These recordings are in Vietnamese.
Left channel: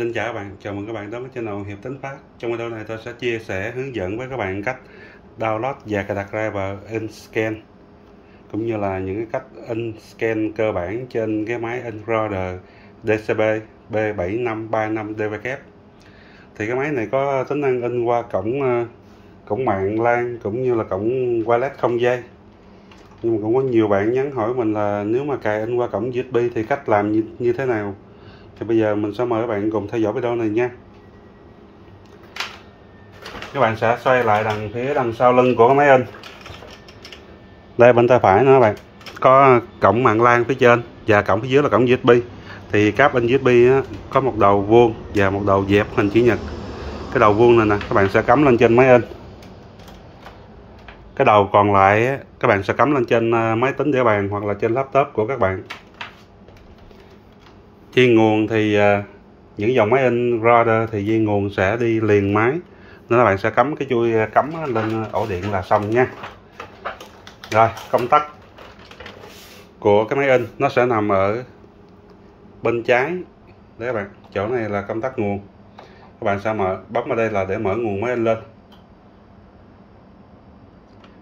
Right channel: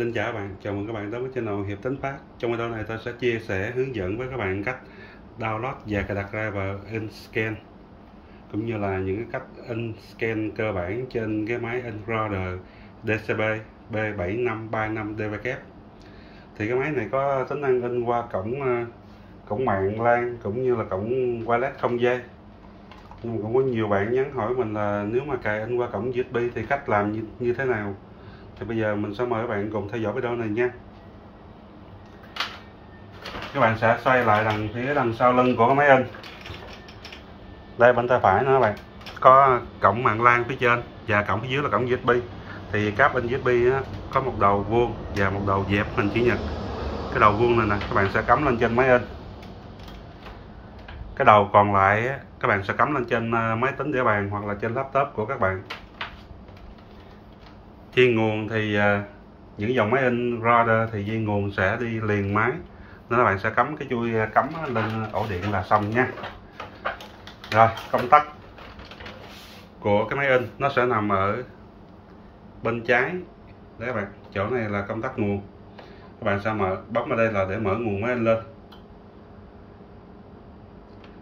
Xin chào các bạn, chào mừng các bạn đến với channel Hiệp Tính Phát. Trong video này tôi sẽ chia sẻ hướng dẫn với các bạn cách download và cài đặt driver InScan, cũng như là những cái cách InScan cơ bản trên cái máy Encoder DCB B7535DVK. Thì cái máy này có tính năng in qua cổng mạng LAN cũng như là cổng wireless không dây. Nhưng mà cũng có nhiều bạn nhắn hỏi mình là nếu mà cài in qua cổng USB thì cách làm như thế nào. Thì bây giờ mình sẽ mời các bạn cùng theo dõi video này nha. Các bạn sẽ xoay lại phía đằng sau lưng của máy in. Đây bên tay phải nữa các bạn, có cổng mạng LAN phía trên và cổng phía dưới là cổng USB. Thì cáp in USB có một đầu vuông và một đầu dẹp hình chữ nhật. Cái đầu vuông này nè các bạn sẽ cắm lên trên máy in. Cái đầu còn lại các bạn sẽ cắm lên trên máy tính đĩa bàn hoặc là trên laptop của các bạn. Dây nguồn thì những dòng máy in router thì dây nguồn sẽ đi liền máy, nên các bạn sẽ cắm cái chui cắm lên ổ điện là xong nha. Rồi, công tắc của cái máy in nó sẽ nằm ở bên trái đấy các bạn. Chỗ này là công tắc nguồn. Các bạn sẽ bấm vào đây là để mở nguồn máy in lên.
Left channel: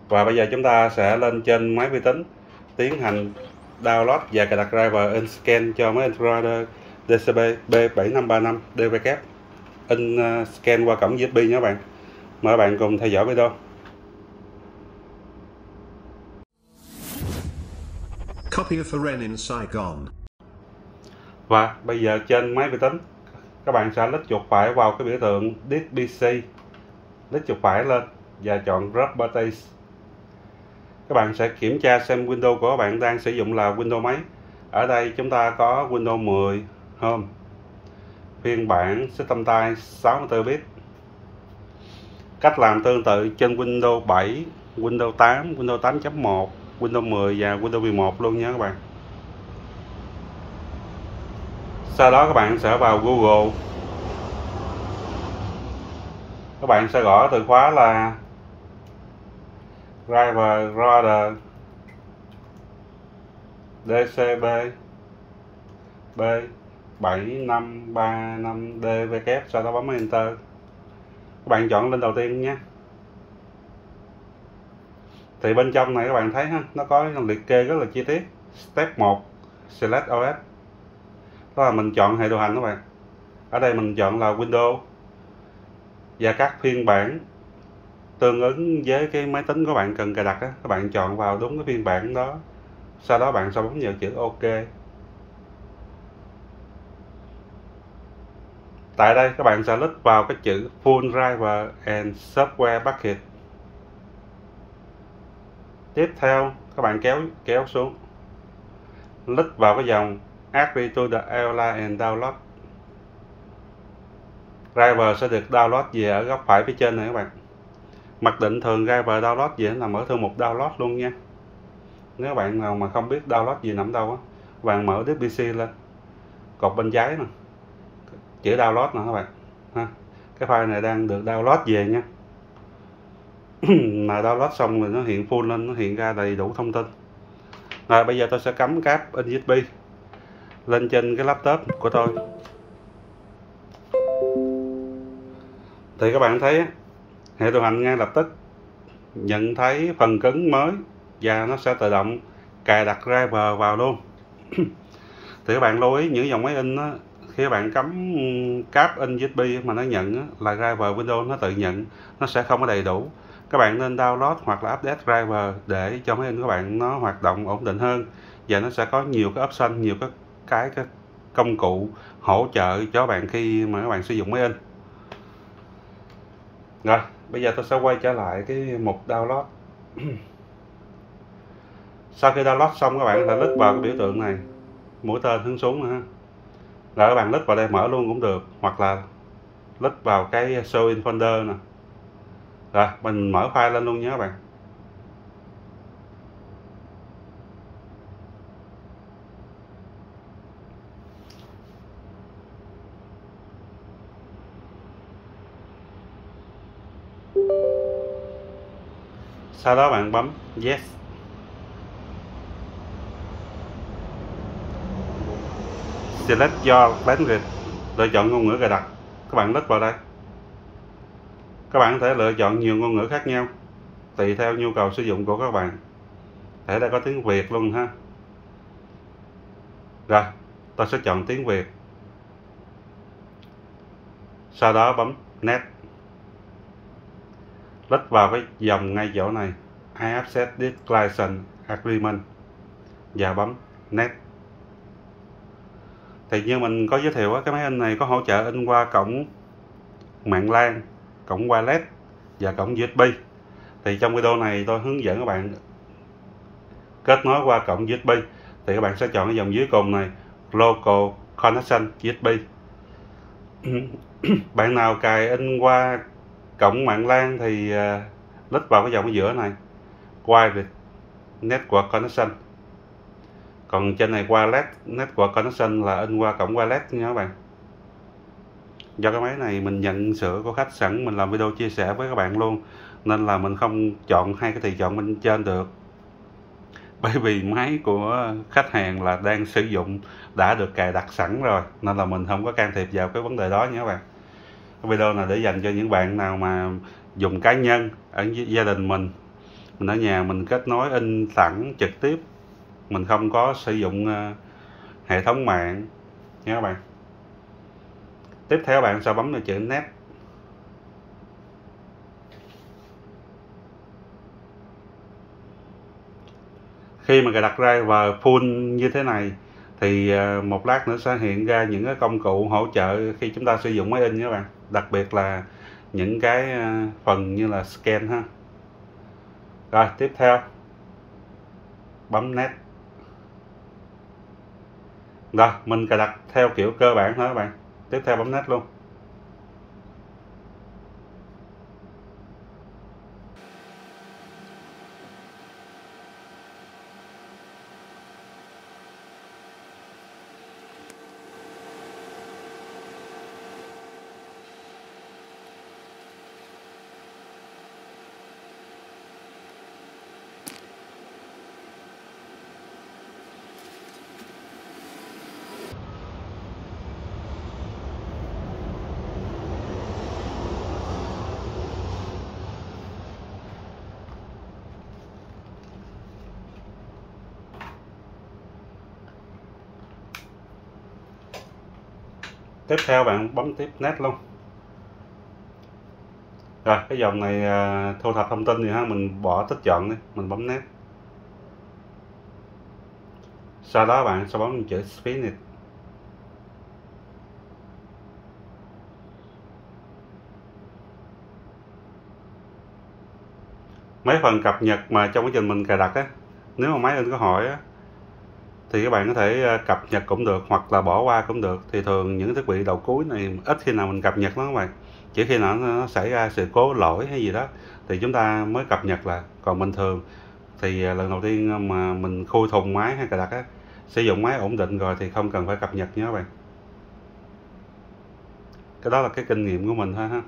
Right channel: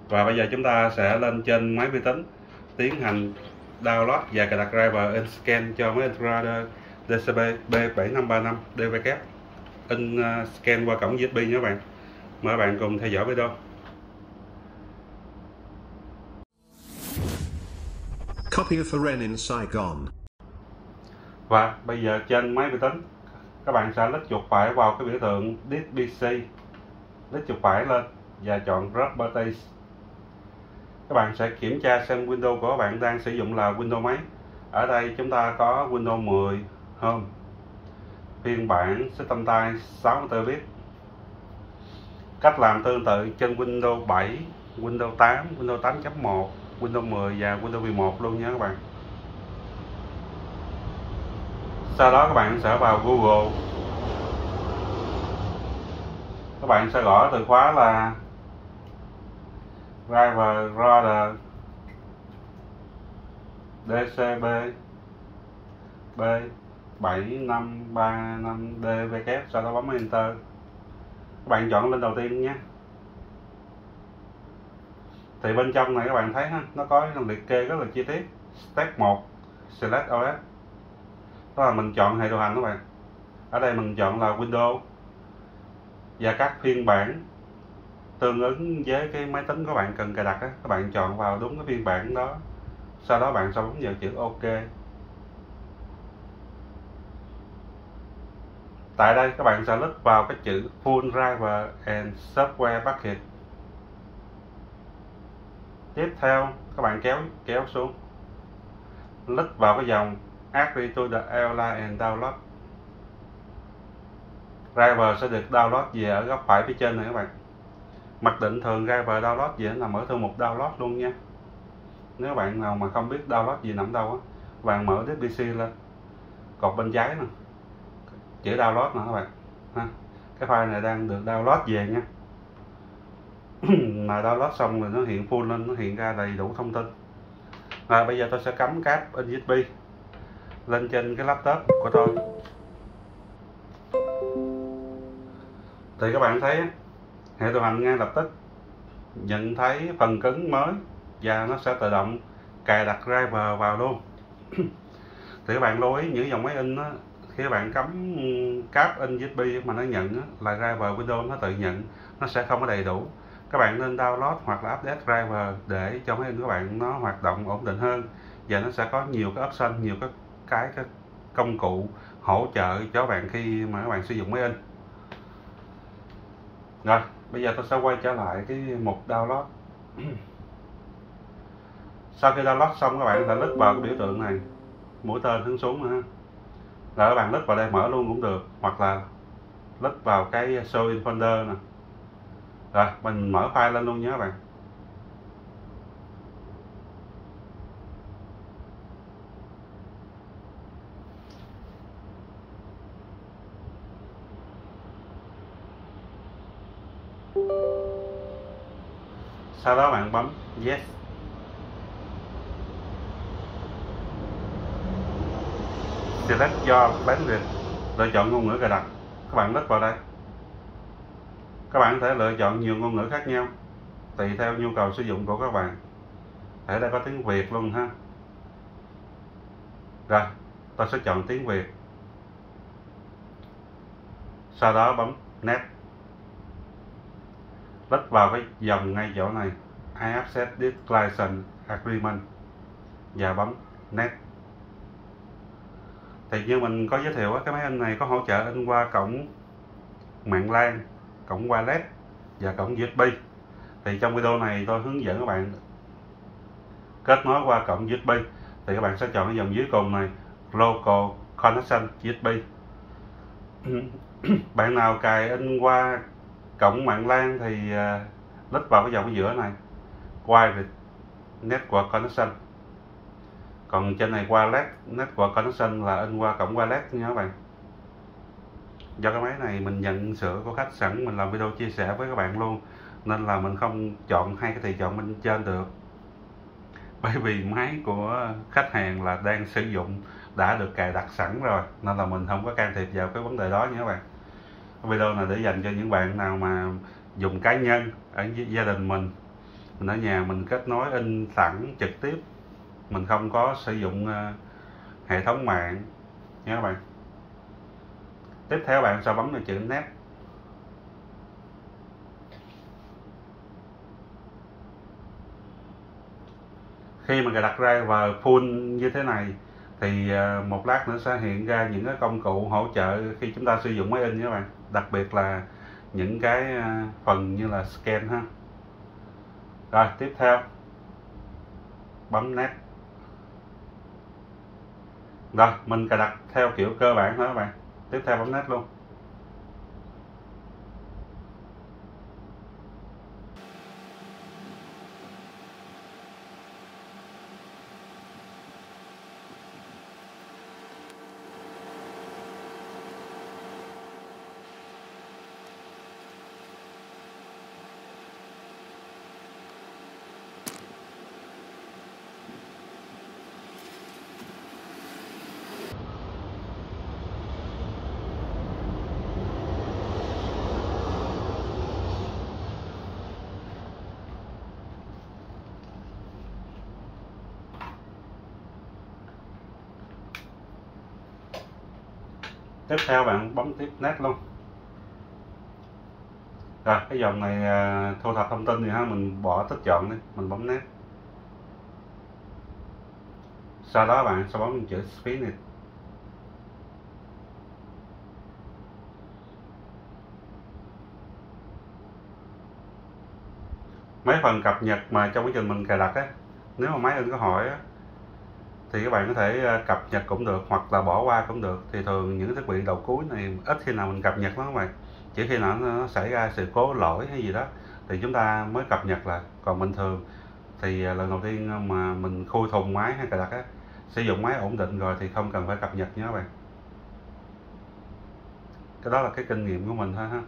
Và bây giờ chúng ta sẽ lên trên máy vi tính tiến hành download và cài đặt driver InScan cho máy Encoder DCB B7535DVK. InScan qua cổng USB nha các bạn. Mời các bạn cùng theo dõi video. Copy of Foreign in Saigon. Và bây giờ trên máy vi tính các bạn sẽ lít chuột phải vào cái biểu tượng Disk PC, lít chuột phải lên và chọn Drop Button. Các bạn sẽ kiểm tra xem Windows của các bạn đang sử dụng là Windows mấy. Ở đây chúng ta có Windows 10 Home, phiên bản System Type 64 bit. Cách làm tương tự trên Windows 7, Windows 8, Windows 8.1, Windows 10 và Windows 11 luôn nha các bạn. Sau đó các bạn sẽ vào Google. Các bạn sẽ gõ từ khóa là driver router DCB B7535DVK, sau đó bấm Enter. Các bạn chọn lên đầu tiên nhé. Thì bên trong này các bạn thấy ha, nó có liệt kê rất là chi tiết. Step 1 Select OS, đó là mình chọn hệ điều hành các bạn. Ở đây mình chọn là Windows và các phiên bản tương ứng với cái máy tính của bạn cần cài đặt đó. Các bạn chọn vào đúng cái phiên bản đó, sau đó bạn sẽ bấm vào chữ OK. Tại đây các bạn sẽ lít vào cái chữ Full Driver and Software Package. Tiếp theo các bạn kéo xuống, lít vào cái dòng Agree to the Airline and Download. Driver sẽ được download về ở góc phải phía trên này các bạn. Mặc định thường driver download gì nằm ở thư mục download luôn nha. Nếu bạn nào mà không biết download gì nằm đâu á, bạn mở Disk PC lên, cột bên trái nè, chữ download nè các bạn ha. Cái file này đang được download về nha. Mà download xong rồi nó hiện full lên, nó hiện ra đầy đủ thông tin. Rồi bây giờ tôi sẽ cắm cáp in USB lên trên cái laptop của tôi. Thì các bạn thấy hệ điều hành ngay lập tức nhận thấy phần cứng mới và nó sẽ tự động cài đặt driver vào luôn. Thì các bạn lưu ý những dòng máy in đó, khi các bạn cắm cáp in USB mà nó nhận là driver Windows nó tự nhận, nó sẽ không có đầy đủ. Các bạn nên download hoặc là update driver để cho máy in của bạn nó hoạt động ổn định hơn, và nó sẽ có nhiều cái option, nhiều cái công cụ hỗ trợ cho bạn khi mà các bạn sử dụng máy in. Rồi bây giờ tôi sẽ quay trở lại cái mục download. Sau khi download xong các bạn sẽ lít vào cái biểu tượng này, mũi tên hướng xuống nữa ha. Rồi các bạn lít vào đây mở luôn cũng được, hoặc là lít vào cái show in folder nè. Rồi mình mở file lên luôn nhé các bạn. Sau đó bạn bấm Yes. Select your language. lựa chọn ngôn ngữ cài đặt, các bạn lít vào đây. Các bạn có thể lựa chọn nhiều ngôn ngữ khác nhau tùy theo nhu cầu sử dụng của các bạn. Để đây có tiếng Việt luôn ha. Rồi, tôi sẽ chọn tiếng Việt. Sau đó bấm Next. Lít vào cái dòng ngay chỗ này, I accept this license agreement và bấm Next. Thì như mình có giới thiệu, cái máy in này có hỗ trợ in qua cổng mạng LAN, cổng wireless và cổng USB. Thì trong video này tôi hướng dẫn các bạn kết nối qua cổng USB. Thì các bạn sẽ chọn cái dòng dưới cùng này, Local Connection USB. Bạn nào cài in qua cổng mạng LAN thì lít vào cái dòng ở giữa này, Wireless Network Connection. Còn trên này Wireless Network Connection là in qua cổng wireless nha các bạn. Do cái máy này mình nhận sửa của khách sẵn, mình làm video chia sẻ với các bạn luôn, nên là mình không chọn hai cái tùy chọn bên trên được. Bởi vì máy của khách hàng là đang sử dụng, đã được cài đặt sẵn rồi, nên là mình không có can thiệp vào cái vấn đề đó nha các bạn. Cái video này để dành cho những bạn nào mà dùng cá nhân ở gia đình mình ở nhà mình kết nối in sẵn trực tiếp, mình không có sử dụng hệ thống mạng nha các bạn. Tiếp theo bạn sẽ bấm vào chữ Next. Khi mà cài đặt driver full như thế này thì một lát nữa sẽ hiện ra những cái công cụ hỗ trợ khi chúng ta sử dụng máy in nha các bạn. Đặc biệt là những cái phần như là scan ha. Rồi tiếp theo bấm Next. Rồi mình cài đặt theo kiểu cơ bản thôi các bạn. Tiếp theo bấm Next luôn. Tiếp theo bạn bấm tiếp Next luôn. Rồi cái dòng này thu thập thông tin thì mình bỏ tích chọn đi, mình bấm Next. Sau đó bạn sẽ bấm chữ Finish. Mấy phần cập nhật mà trong quá trình mình cài đặt á, nếu mà máy in có hỏi á thì các bạn có thể cập nhật cũng được, hoặc là bỏ qua cũng được. Thì thường những thiết bị đầu cuối này ít khi nào mình cập nhật nó các bạn, chỉ khi nào nó xảy ra sự cố lỗi hay gì đó thì chúng ta mới cập nhật lại. Còn bình thường thì lần đầu tiên mà mình khui thùng máy hay cài đặt á, sử dụng máy ổn định rồi thì không cần phải cập nhật nhé các bạn. Cái đó là cái kinh nghiệm của mình thôi ha.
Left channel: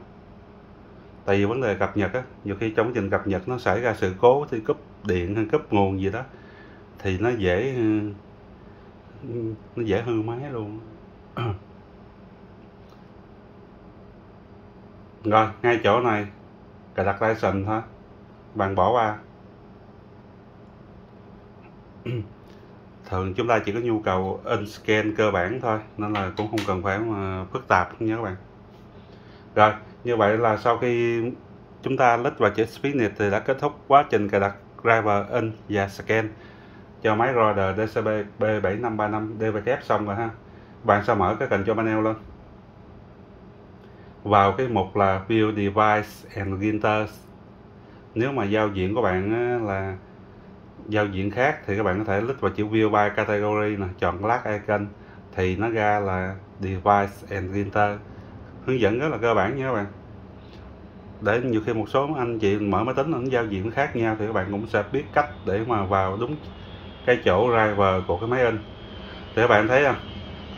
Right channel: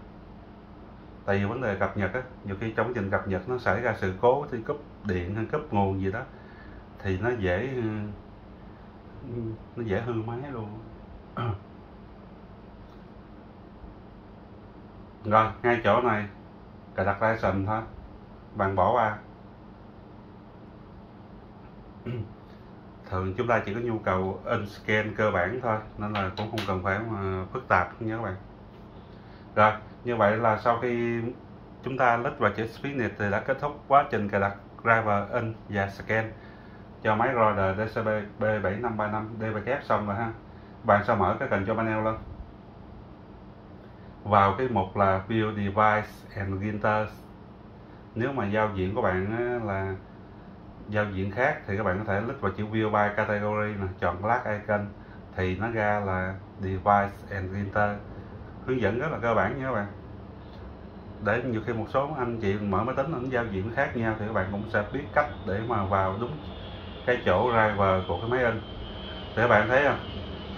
Tại vì vấn đề cập nhật á, nhiều khi trong quá trình cập nhật nó xảy ra sự cố thì cúp điện hay cúp nguồn gì đó thì nó dễ hư máy luôn. Rồi ngay chỗ này cài đặt license thôi, bạn bỏ qua. Thường chúng ta chỉ có nhu cầu in scan cơ bản thôi, nên là cũng không cần phải mà phức tạp nha các bạn. Rồi như vậy là sau khi chúng ta lít vào chữ Finish thì đã kết thúc quá trình cài đặt driver in và scan cho máy Roder DCP B7535 DVK xong rồi ha. Bạn sẽ mở cái control panel lên, vào cái mục là View Device and Printers. Nếu mà giao diện của bạn là giao diện khác thì các bạn có thể lít vào chữ View by Category nè, chọn Black Icon thì nó ra là Device and Printer. Hướng dẫn rất là cơ bản nha các bạn. Để nhiều khi một số anh chị mở máy tính nó giao diện khác nhau thì các bạn cũng sẽ biết cách để mà vào đúng cái chỗ driver của cái máy in. Thì các bạn thấy không?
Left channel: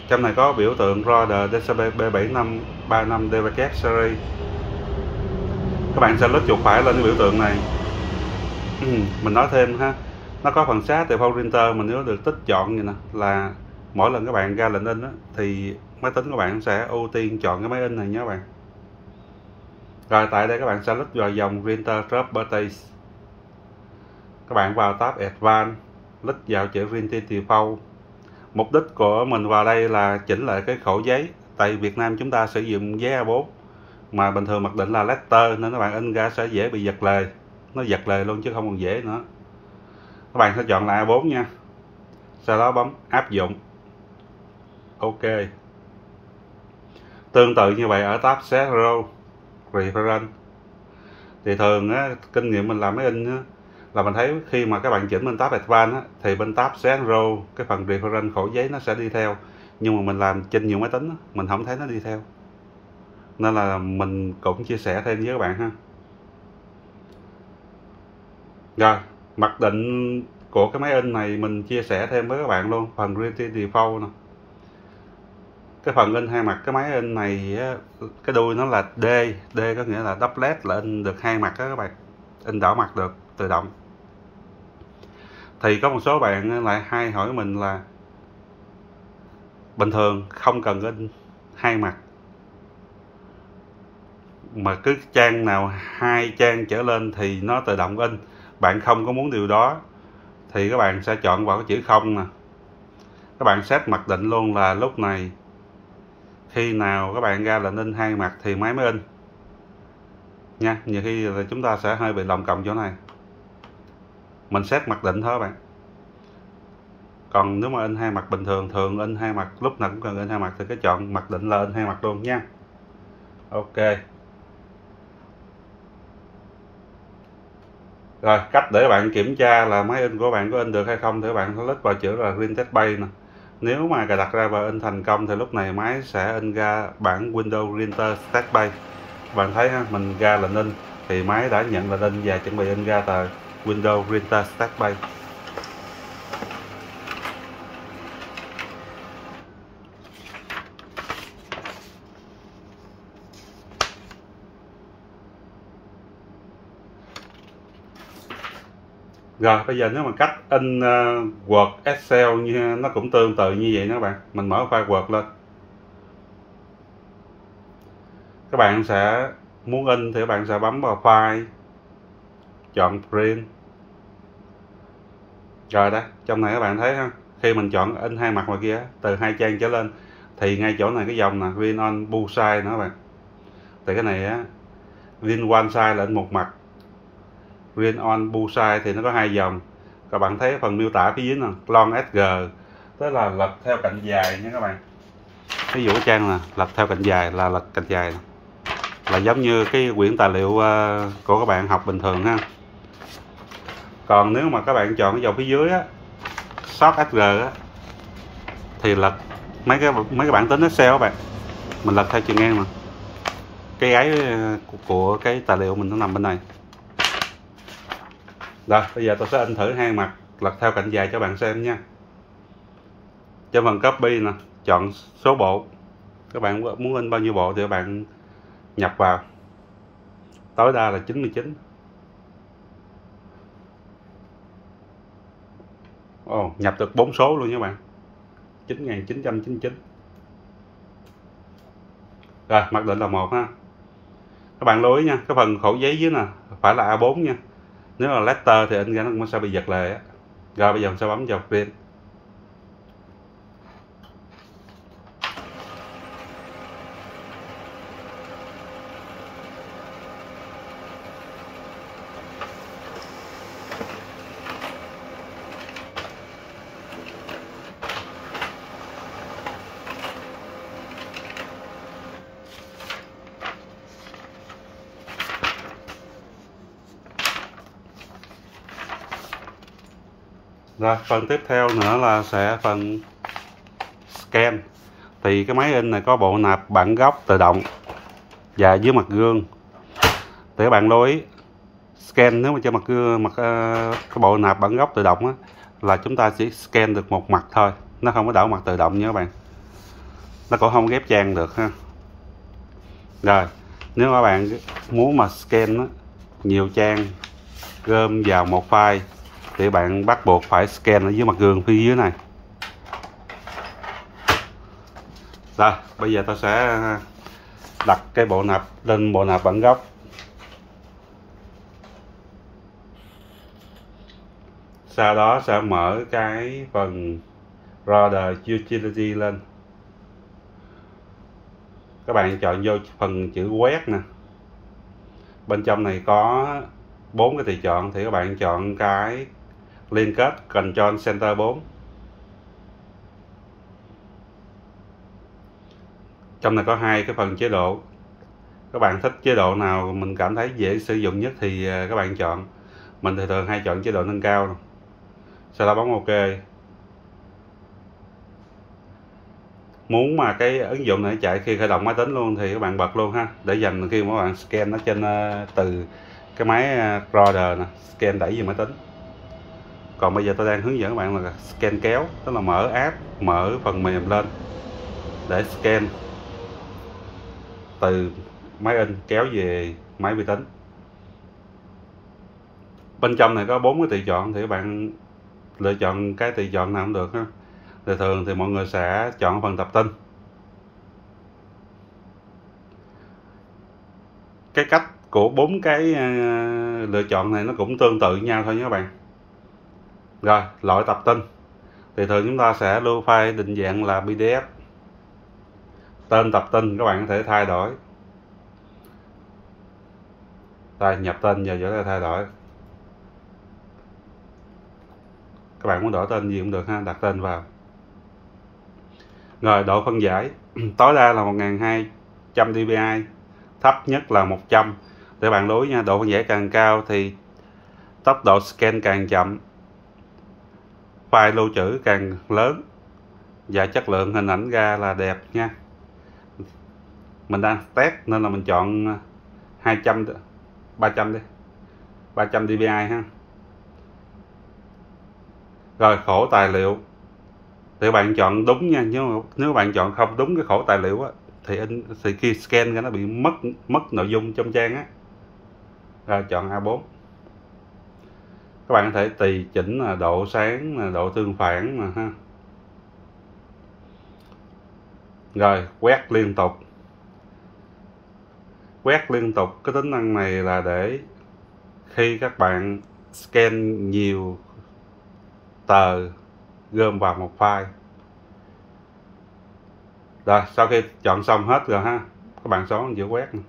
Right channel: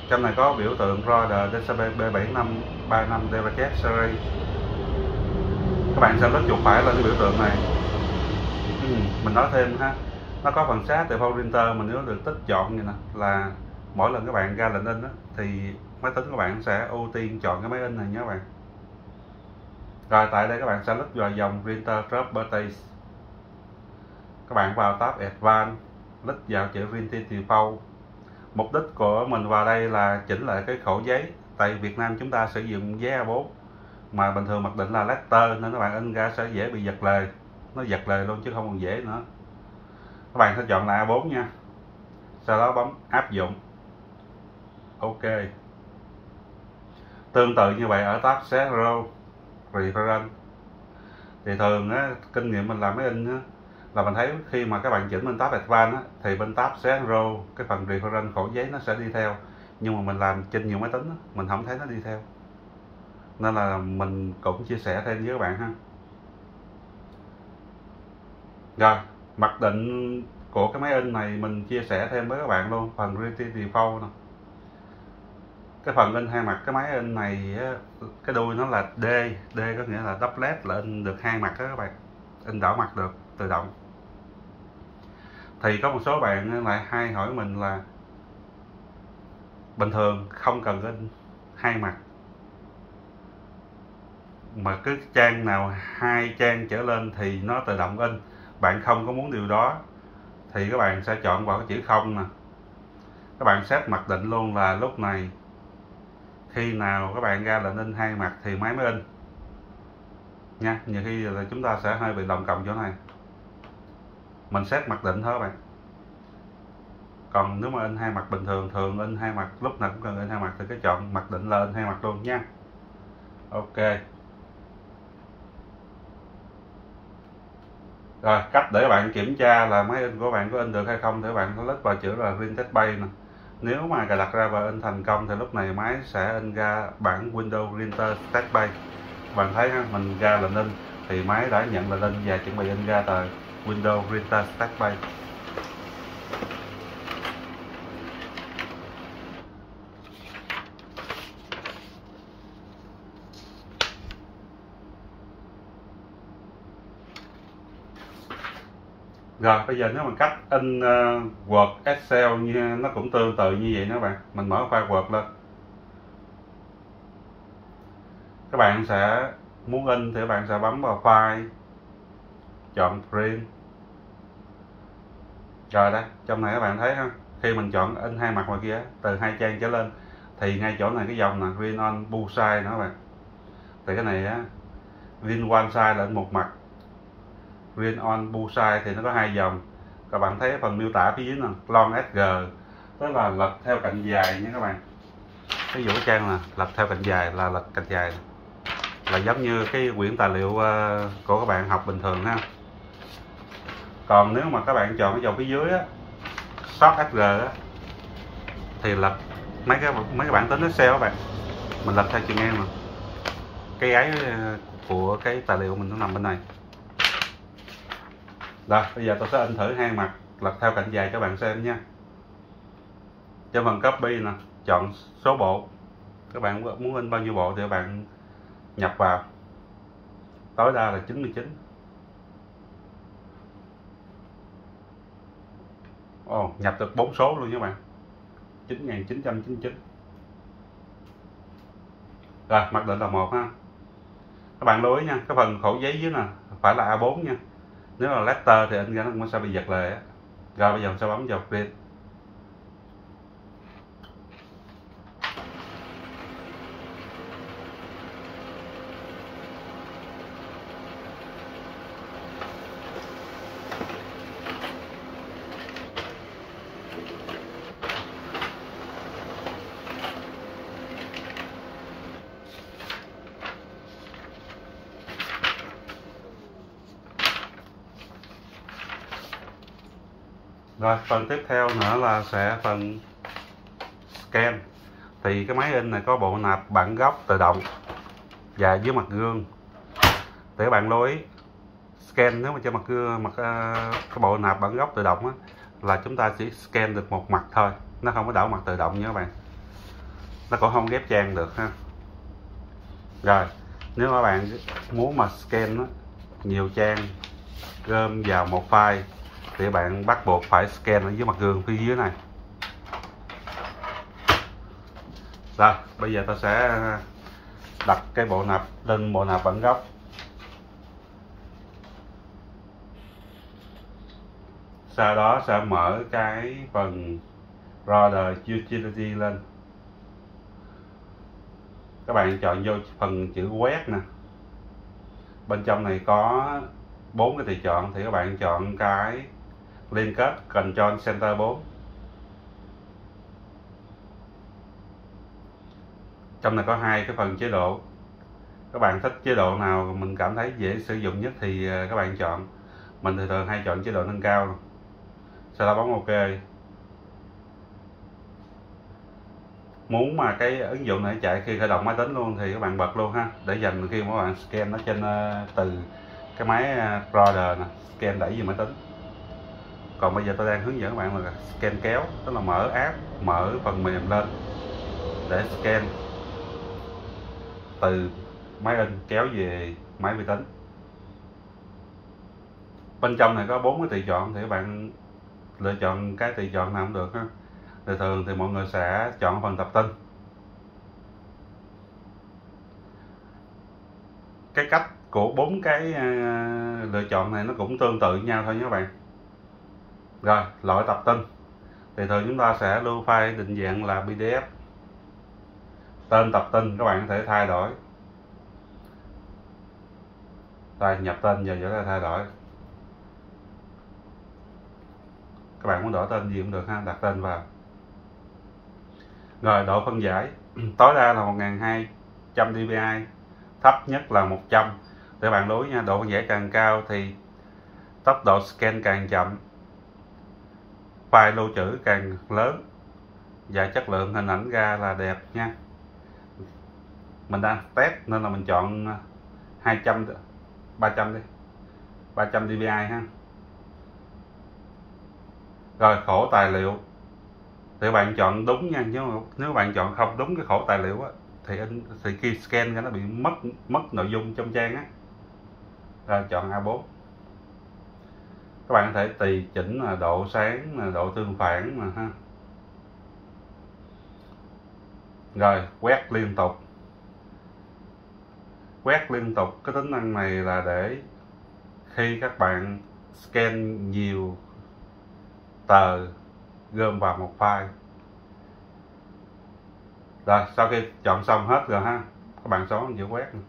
Trong này có biểu tượng Roder DCP B7535 DVK series. Các bạn sẽ lướt chuột phải lên cái biểu tượng này. Mình nói thêm ha, nó có phần sát từ phone printer, mình nếu được tích chọn như nè là mỗi lần các bạn ra lệnh in á, thì máy tính của bạn sẽ ưu tiên chọn cái máy in này nhé các bạn. Rồi tại đây các bạn sẽ click vào dòng Printer Properties. Các bạn vào tab Advanced, click vào chữ Printing Default. Mục đích của mình vào đây là chỉnh lại cái khổ giấy. Tại Việt Nam chúng ta sử dụng giấy A4 mà bình thường mặc định là letter, nên các bạn in ra sẽ dễ bị giật lề. Nó giật lề luôn chứ không còn dễ nữa. Các bạn sẽ chọn lại A4 nha. Sau đó bấm áp dụng. OK. Tương tự như vậy ở tab Zero Reference. Thì thường á, kinh nghiệm mình làm máy in á, là mình thấy khi mà các bạn chỉnh bên tab Advanced á, thì bên tab Zero cái phần Reference khổ giấy nó sẽ đi theo. Nhưng mà mình làm trên nhiều máy tính mình không thấy nó đi theo, nên là mình cũng chia sẻ thêm với các bạn ha. Rồi mặc định của cái máy in này mình chia sẻ thêm với các bạn luôn, phần Printing Default nè. Cái phần in hai mặt cái máy in này cái đuôi nó là D có nghĩa là doublet, là in được hai mặt đó các bạn, in đảo mặt được tự động. Thì có một số bạn lại hay hỏi mình là bình thường không cần in hai mặt, mà cứ trang nào 2 trang trở lên thì nó tự động in. Bạn không có muốn điều đó thì các bạn sẽ chọn vào cái chữ không nè. Các bạn set mặc định luôn là lúc này khi nào các bạn ra lệnh in hai mặt thì máy mới in nha. Nhiều khi là chúng ta sẽ hơi bị lồng cộng chỗ này, mình set mặc định thôi các bạn. Còn nếu mà in hai mặt bình thường, thường in hai mặt, lúc nào cũng cần in hai mặt thì cái chọn mặc định là in hai mặt luôn nha. OK. Rồi cách để bạn kiểm tra là máy in của bạn có in được hay không thì các bạn click vào chữ là Print Test Bay nè. Nếu mà cài đặt ra và in thành công thì lúc này máy sẽ in ra bản Windows Printer Test Bay. Bạn thấy ha, mình ra lệnh in thì máy đã nhận lệnh in và chuẩn bị in ra tờ Windows Printer Test Bay. Rồi bây giờ nếu mà cách in Word, Excel như nó cũng tương tự như vậy đó các bạn. Mình mở file Word lên. Các bạn sẽ muốn in thì các bạn sẽ bấm vào file, chọn print. Rồi đó, trong này các bạn thấy ha, khi mình chọn in hai mặt ngoài kia từ 2 trang trở lên thì ngay chỗ này cái dòng nè, print on both sides nữa các bạn. Thì cái này á, print one side là in một mặt, print on both sides thì nó có 2 dòng. Các bạn thấy phần miêu tả phía dưới nè, long SG, tức là lật theo cạnh dài nha các bạn. Ví dụ cái trang là lật theo cạnh dài là lật cạnh dài, là giống như cái quyển tài liệu của các bạn học bình thường ha. Còn nếu mà các bạn chọn cái dòng phía dưới á, Short SG á, thì lật mấy cái bản tính Excel các bạn, mình lật theo chiều ngang nè. Cái ấy của cái tài liệu mình nó nằm bên này. Rồi bây giờ tôi sẽ in thử hai mặt lật theo cạnh dài cho bạn xem nha. Trên phần copy nè, chọn số bộ. Các bạn muốn in bao nhiêu bộ thì các bạn nhập vào, tối đa là 99. Nhập được 4 số luôn nha các bạn, 9999. Rồi mặc định là 1 ha. Các bạn lưu ý nha, cái phần khổ giấy dưới nè phải là A4 nha. Nếu là letter thì in ra nó sẽ bị giật lề á. Rồi bây giờ mình sẽ bấm vào print. Rồi phần tiếp theo nữa là sẽ phần scan. Thì cái máy in này có bộ nạp bản gốc tự động và dưới mặt gương. Thì các bạn lưu ý scan, nếu mà cho mặt gương, cái bộ nạp bản gốc tự động á, là chúng ta chỉ scan được một mặt thôi, nó không có đảo mặt tự động nha các bạn. Nó cũng không ghép trang được ha. Rồi nếu các bạn muốn mà scan á, nhiều trang gom vào một file thì bạn bắt buộc phải scan ở dưới mặt gương phía dưới này. Rồi, bây giờ ta sẽ đặt cái bộ nạp lên bộ nạp bản gốc. Sau đó sẽ mở cái phần Router Utility lên. Các bạn chọn vô phần chữ quét nè. Bên trong này có 4 cái tùy chọn thì các bạn chọn cái liên kết Control Center 4. Trong này có hai cái phần chế độ. Các bạn thích chế độ nào mình cảm thấy dễ sử dụng nhất thì các bạn chọn. Mình thì thường hay chọn chế độ nâng cao. Sau đó bấm OK. Muốn mà cái ứng dụng này chạy khi khởi động máy tính luôn thì các bạn bật luôn ha, để dành khi mà các bạn scan nó trên từ cái máy Router nè, scan đẩy về máy tính. Còn bây giờ tôi đang hướng dẫn các bạn là scan kéo, tức là mở app, mở phần mềm lên để scan từ máy in kéo về máy vi tính. Bên trong này có 4 cái tùy chọn thì các bạn lựa chọn cái tùy chọn nào cũng được ha. Thì thường thì mọi người sẽ chọn phần tập tin. Cái cách của 4 cái lựa chọn này nó cũng tương tự nhau thôi nha các bạn. Rồi, loại tập tin thì thường chúng ta sẽ lưu file định dạng là PDF. Tên tập tin các bạn có thể thay đổi. Rồi, nhập tên giờ sẽ thay đổi. Các bạn muốn đổi tên gì cũng được ha, đặt tên vào. Rồi, độ phân giải tối đa là 1200 dpi, thấp nhất là 100. Để bạn lưu ý nha, độ phân giải càng cao thì tốc độ scan càng chậm, file lưu trữ càng lớn và chất lượng hình ảnh ra là đẹp nha. Mình đang test nên là mình chọn 300 đi, 300 dpi ha. Rồi, khổ tài liệu thì bạn chọn đúng nha, nếu bạn chọn không đúng cái khổ tài liệu á thì khi scan nó bị mất nội dung trong trang á. Rồi, chọn A4. Các bạn có thể tùy chỉnh là độ sáng, là độ tương phản mà ha. Rồi, quét liên tục. Quét liên tục, cái tính năng này là để khi các bạn scan nhiều tờ gom vào một file. Rồi, sau khi chọn xong hết rồi ha, các bạn xuống chữ quét này.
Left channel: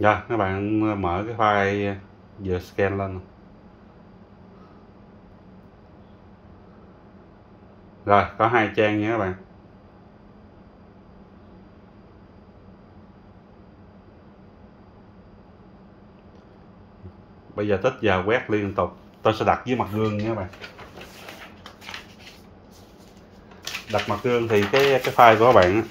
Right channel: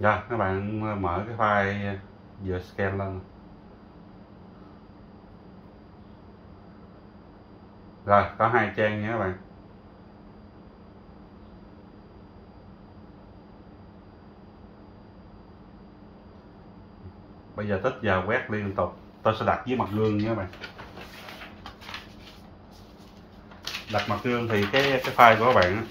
Rồi, các bạn mở cái file vừa scan lên. Rồi, có 2 trang nha các bạn. Bây giờ tích giờ quét liên tục. Tôi sẽ đặt dưới mặt gương nha các bạn. Đặt mặt gương thì cái file của các bạn